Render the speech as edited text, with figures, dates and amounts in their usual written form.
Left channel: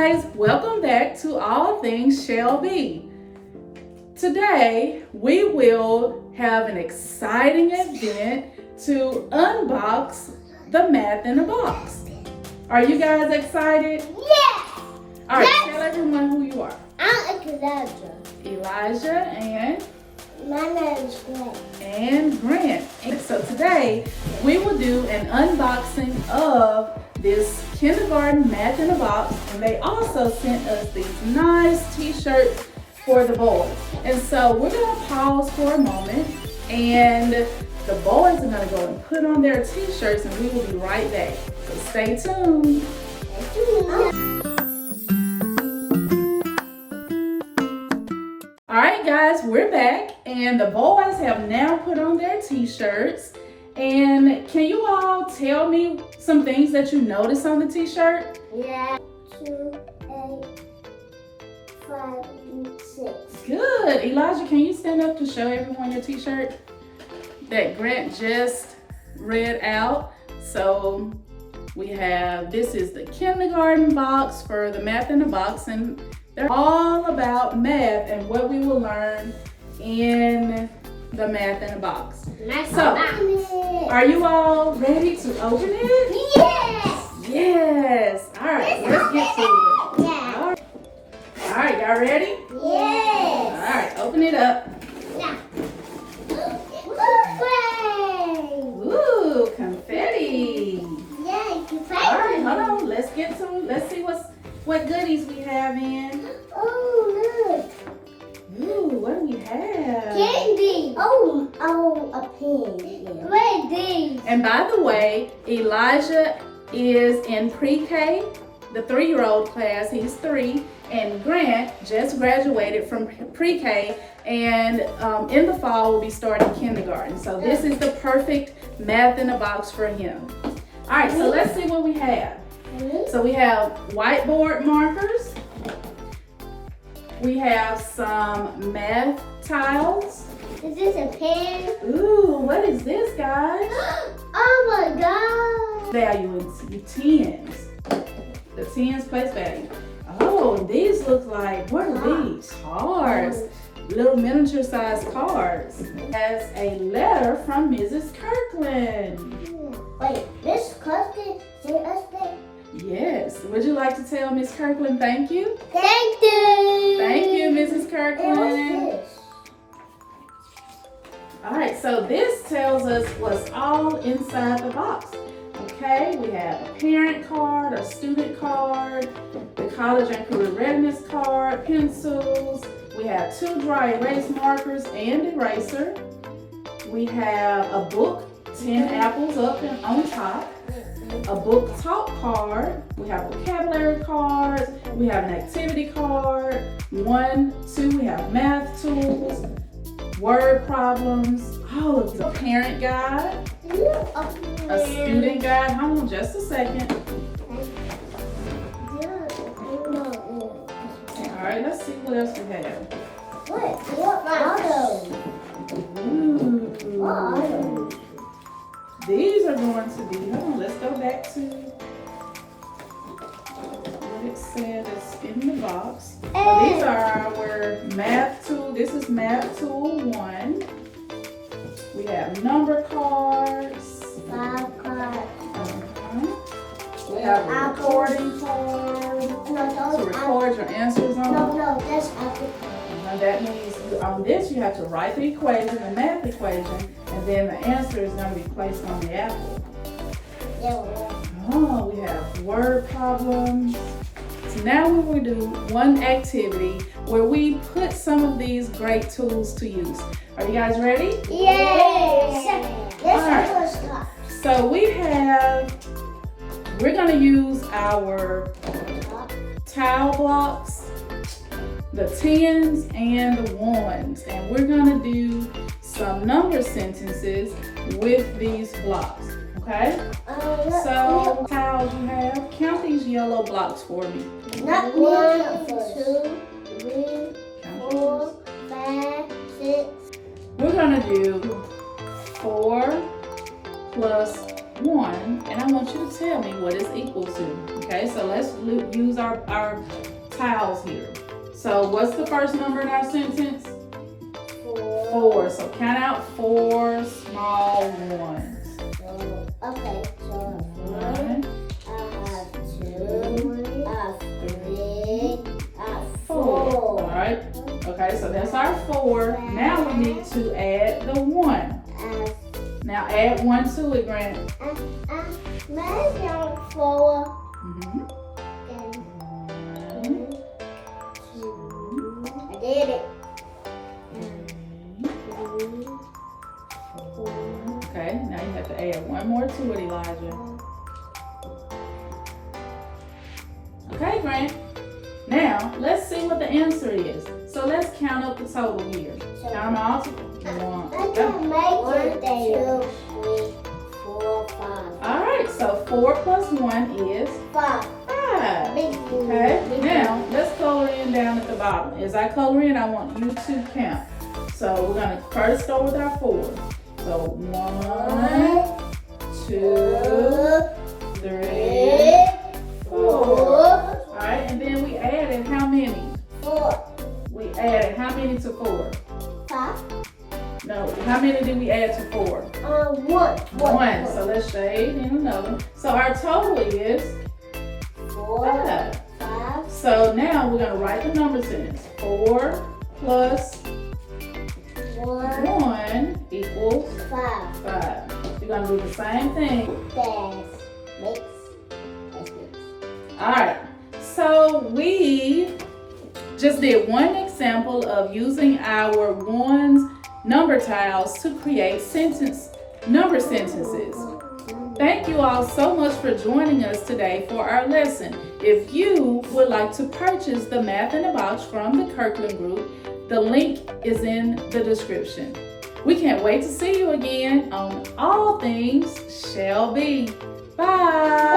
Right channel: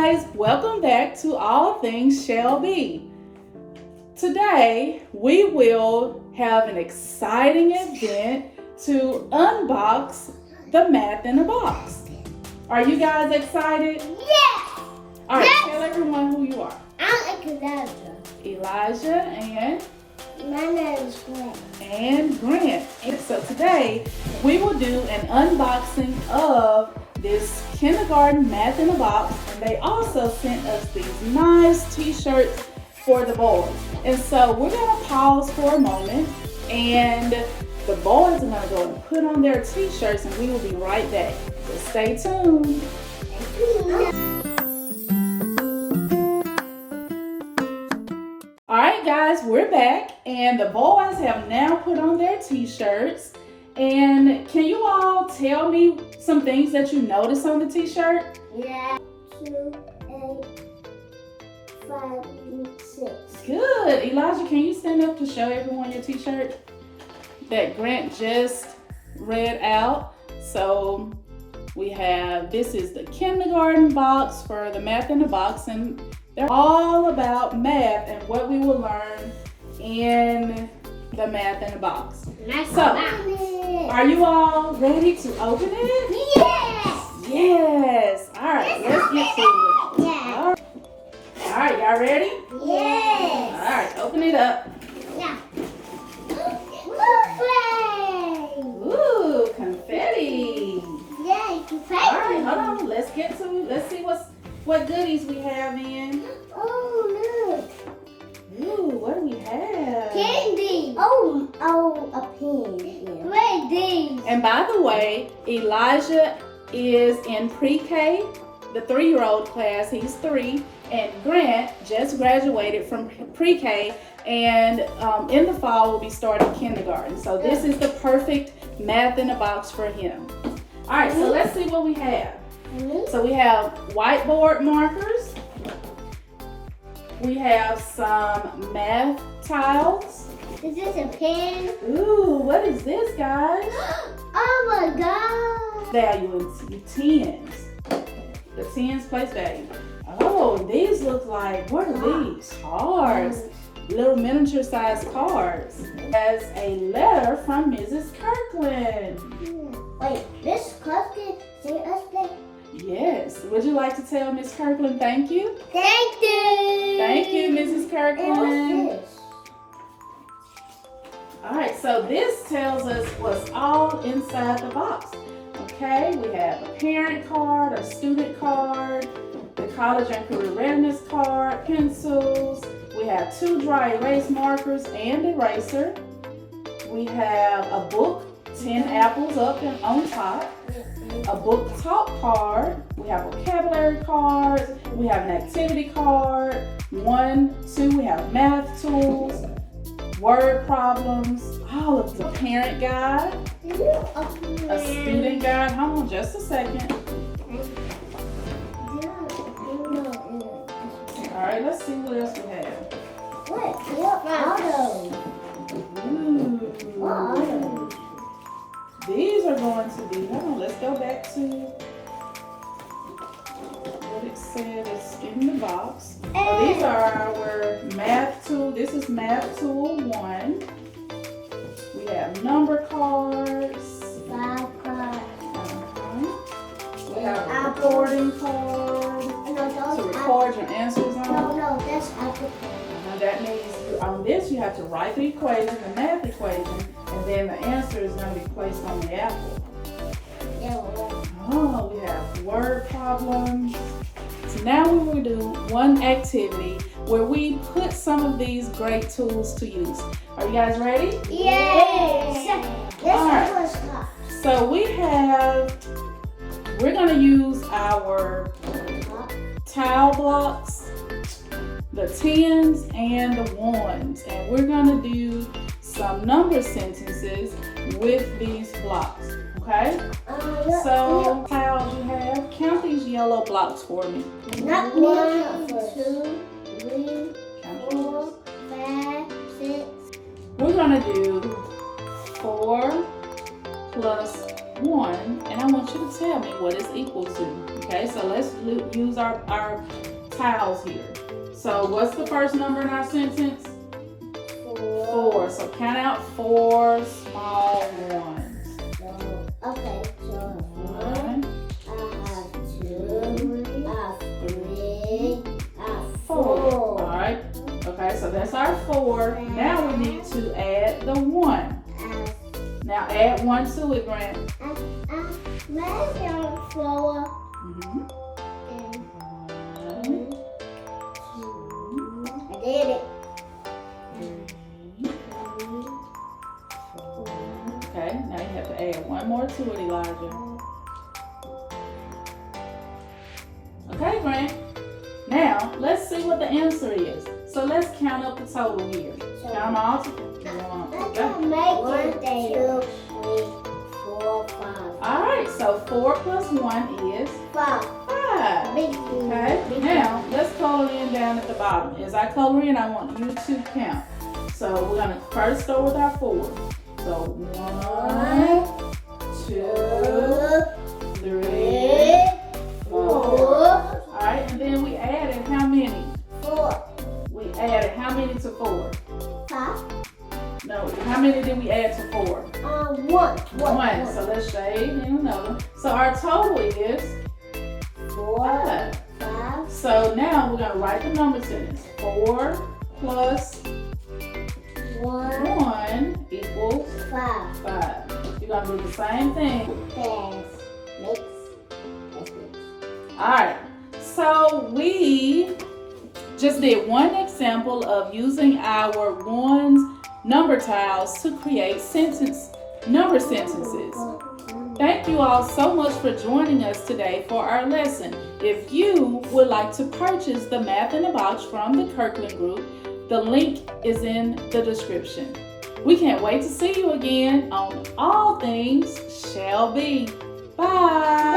guys, welcome back to All Things Shall Be. Today we will have an exciting event to unbox the Math in a Box. Are you guys excited? Yes! Alright, tell everyone who you are. I'm Elijah. Elijah and? My name is Grant. And Grant. And so today we will do an unboxing of this kindergarten Math in a Box, and they also sent us these nice t-shirts for the boys. And so we're going to pause for a moment, and the boys are going to go and put on their t-shirts, and we will be right back. So stay tuned. All right, guys, we're back, and the boys have now put on their t-shirts. And can you all tell me some things that you noticed on the t-shirt? Yeah. 2, 8, 5, 6. Good. Elijah, can you stand up to show everyone your t-shirt that Grant just read out? So we have, this is the kindergarten box for the Math in a Box, and they're all about math and what we will learn in the Math in a Box. Nice. So, are you all ready to open it? Yes! Yes. All right, let's get to it. Yeah. All right, y'all ready? Yes! All right, open it up. Now. Ooh, confetti. Yeah, confetti. All right, hold on. Let's get to it. Let's see what goodies we have in. Oh, look. Ooh, what do we have? Candy. Oh, a pen. Candy. And by the way, Elijah is in pre-K, the 3-year-old class. He's 3, and Grant just graduated from pre-K, and in the fall will be starting kindergarten. So this is the perfect Math in a Box for him. All right, so let's see what we have. So we have whiteboard markers. We have some math tiles. Is this a pen? Ooh, what is this, guys? Oh my god. Value in tens. The tens place value. Oh, and these look like, what are these? Cards. Little miniature sized cards. Has a letter from Mrs. Kirkland. Wait, this Kirkland sent us that? Yes. Would you like to tell Miss Kirkland thank you? Thank you. Thank you, Mrs. Kirkland. And what's this? All right, so this tells us what's all inside the box. Okay, we have a parent card, a student card, the college and career readiness card, pencils. We have 2 dry erase markers and eraser. We have a book, 10 apples up and on top. A book talk card. We have vocabulary cards. We have an activity card. 1, 2, we have math tools, word problems, all of the parent guide, a student guide. Hold on just a second. All right, let's see what else we have. What are those? Ooh. What are those? These are going to be, hold on, let's go back to what it said is in the box. So these are our math tool. This is math tool 1. We have number cards. 5 cards. We have a recording card to record your answers on. No, that's Apple. And that means on this you have to write the equation, the math equation, and then the answer is going to be placed on the apple. Oh, we have word problems. So now we will do one activity where we put some of these great tools to use. Are you guys ready? Yes. Alright. So we're going to use our tile blocks, the 10s and the 1s, and we're going to do some number sentences with these blocks, okay? So, tiles you have, count these yellow blocks for me. Not 1, 2, 3, 4, 5, 6. We're going to do 4 plus 1, and I want you to tell me what it's equal to. Okay, so let's use our tiles here. So what's the first number in our sentence? 4. So count out 4 small ones. Okay, so 1, 2, 3, 4. 4. Alright, okay, so that's our 4. Now we need to add the 1. Now add 1 to it, Grant. Maybe 4. Mm-hmm. 1, I did it. 2, okay, now you have to add 1 more to it, Elijah. Okay, Grant. Now, let's see what the answer is. So let's count up the total here. Count them all to 1. I Okay. can make it there. 2, 3, 4, 5. Alright, so 4 plus 1 is 5. 5. Okay, now let's color in down at the bottom. As I color in, I want you to count. So we're going to first start with our 4. So 1, 2, 3, 4. Alright, and then we added how many? 4. We added how many to 4? 5. No, how many did we add to 4? 1. 1. So let's shade in another. So our total is 4. 5. 5. So now we're going to write the number sentence. 4 plus 1. 1 equals 5. 5. You're going to do the same thing. Mix. Alright, so we just did one example of using our ones number tiles to create number sentences. Thank you all so much for joining us today for our lesson. If you would like to purchase the Math in a Box from the Kirkland Group, the link is in the description. We can't wait to see you again on All Things Shall Be. Bye.